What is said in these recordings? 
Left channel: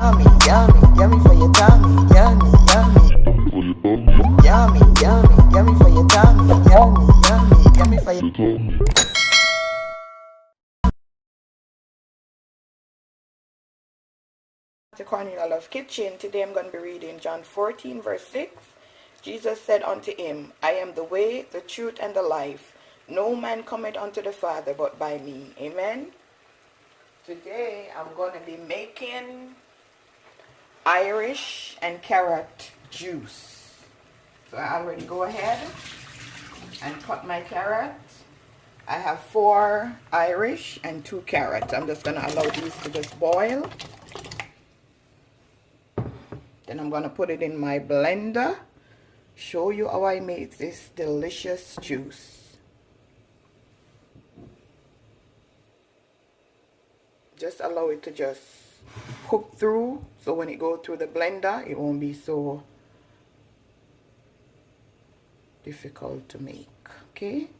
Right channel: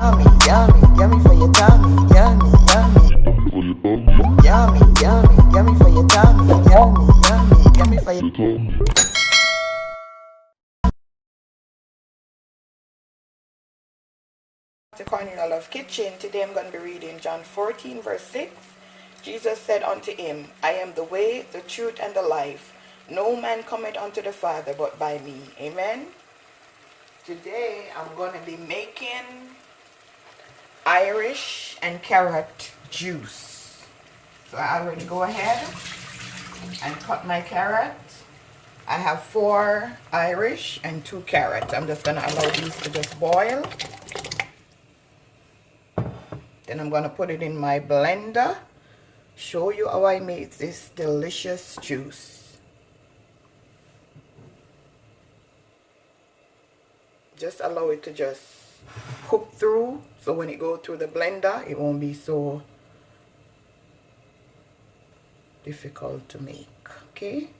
Yummy, yummy, yummy for your tummy. Yummy, yummy. Yummy, yummy, yummy for your tummy. Yummy, yummy, yummy for your tummy. To Cornelialove Kitchen. Today I'm going to be reading John 14 verse 6. Jesus said unto him, I am the way, the truth, and the life. No man cometh unto the Father but by me. Amen. Today I'm going to be making Irish and carrot juice. So I already go ahead and cut my carrot. I have 4 Irish and 2 carrots. I'm just going to allow these to just boil. Then I'm going to put it in my blender. Show you how I make this delicious juice. Just allow it to just cook through, so when it goes through the blender it won't be so difficult to make. Okay,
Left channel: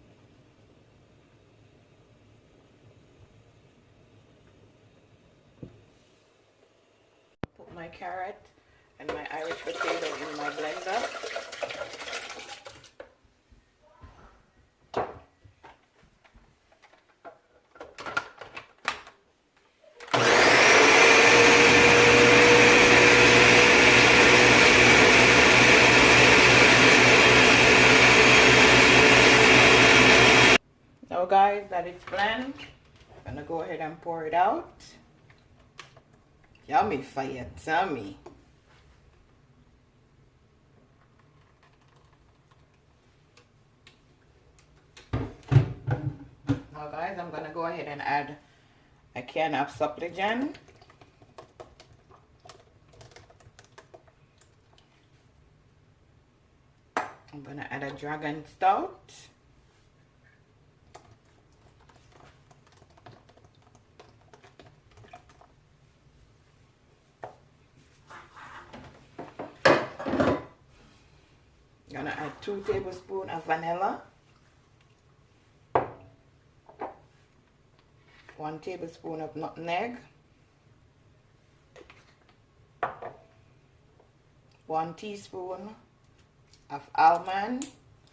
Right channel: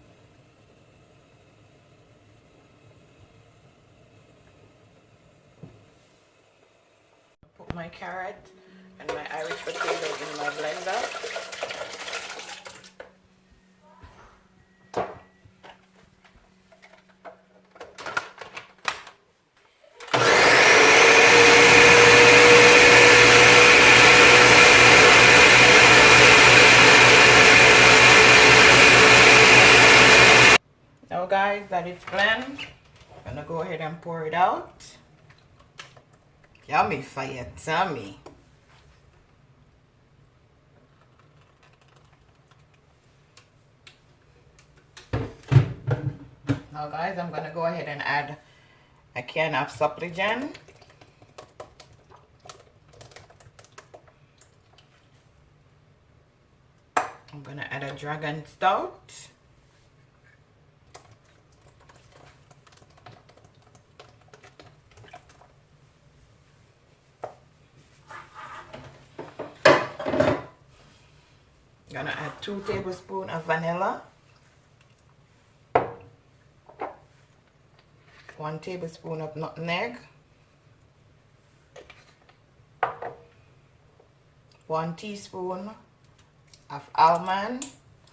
put my carrot and my Irish potato in my blender. Now guys, that it's blend, I'm gonna go ahead and pour it out. Yummy for your tummy. Now guys, I'm gonna go ahead and add a can of supplicant. I'm gonna add a dragon stout. Gonna add 2 tablespoons of vanilla, 1 tablespoon of nutmeg, 1 teaspoon of almond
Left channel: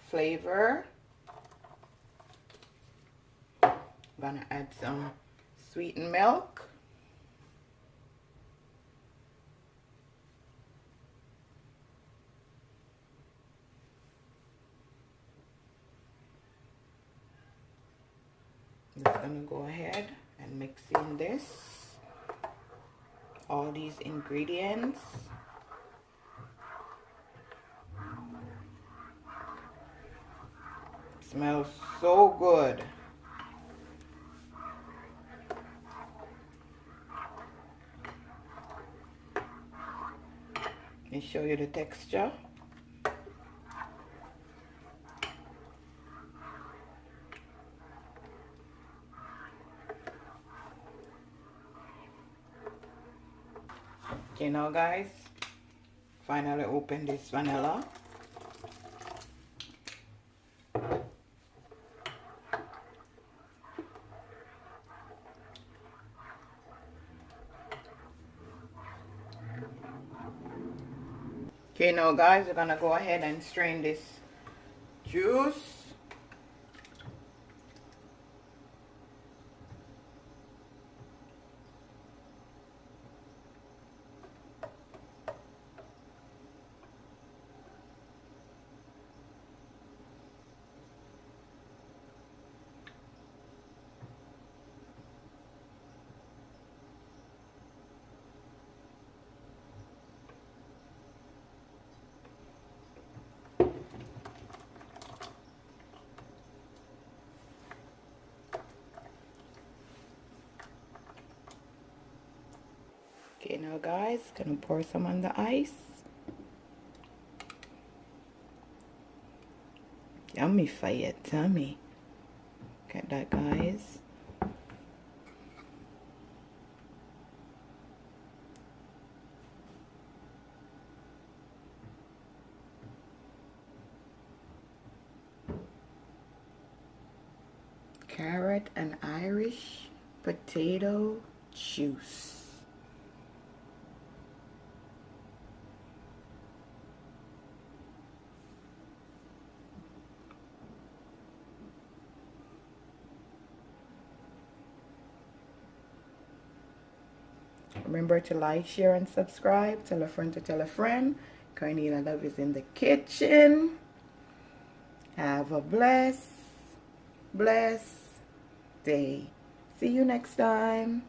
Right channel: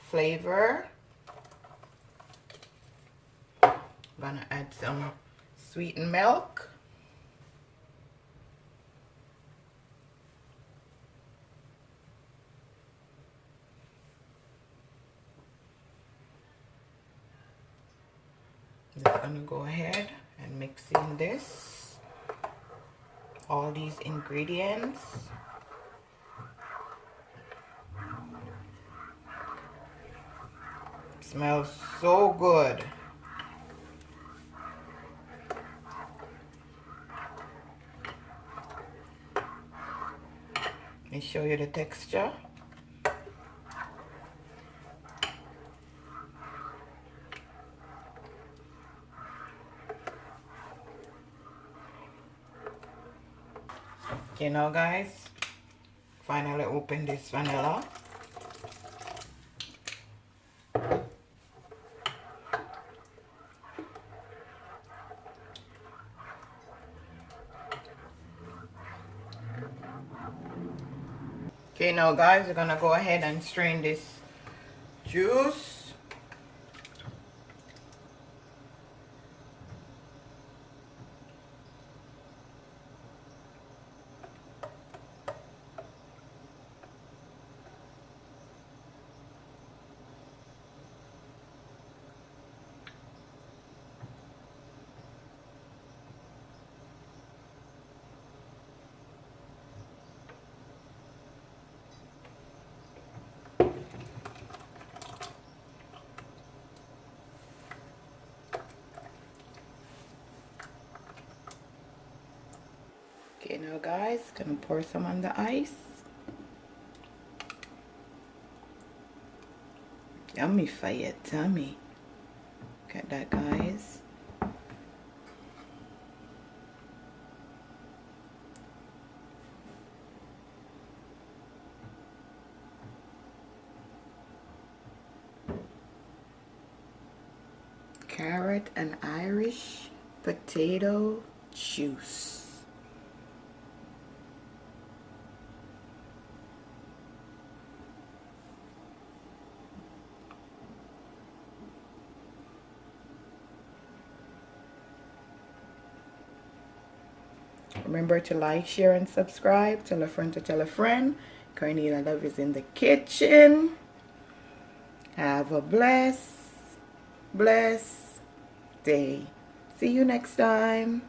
flavor. Gonna add some sweetened milk. Just gonna go ahead and mix in this, all these ingredients. Smells so good. Let me show you the texture. Okay, now guys, finally open this vanilla. Okay, now guys, we're gonna go ahead and strain this juice. Okay, now guys, gonna pour some on the ice. Yummy for your tummy. Look at that, guys. Carrot and Irish potato juice. Remember to like, share, and subscribe. Tell a friend to tell a friend. Cornelialove is in the kitchen. Have a blessed day. See you next time.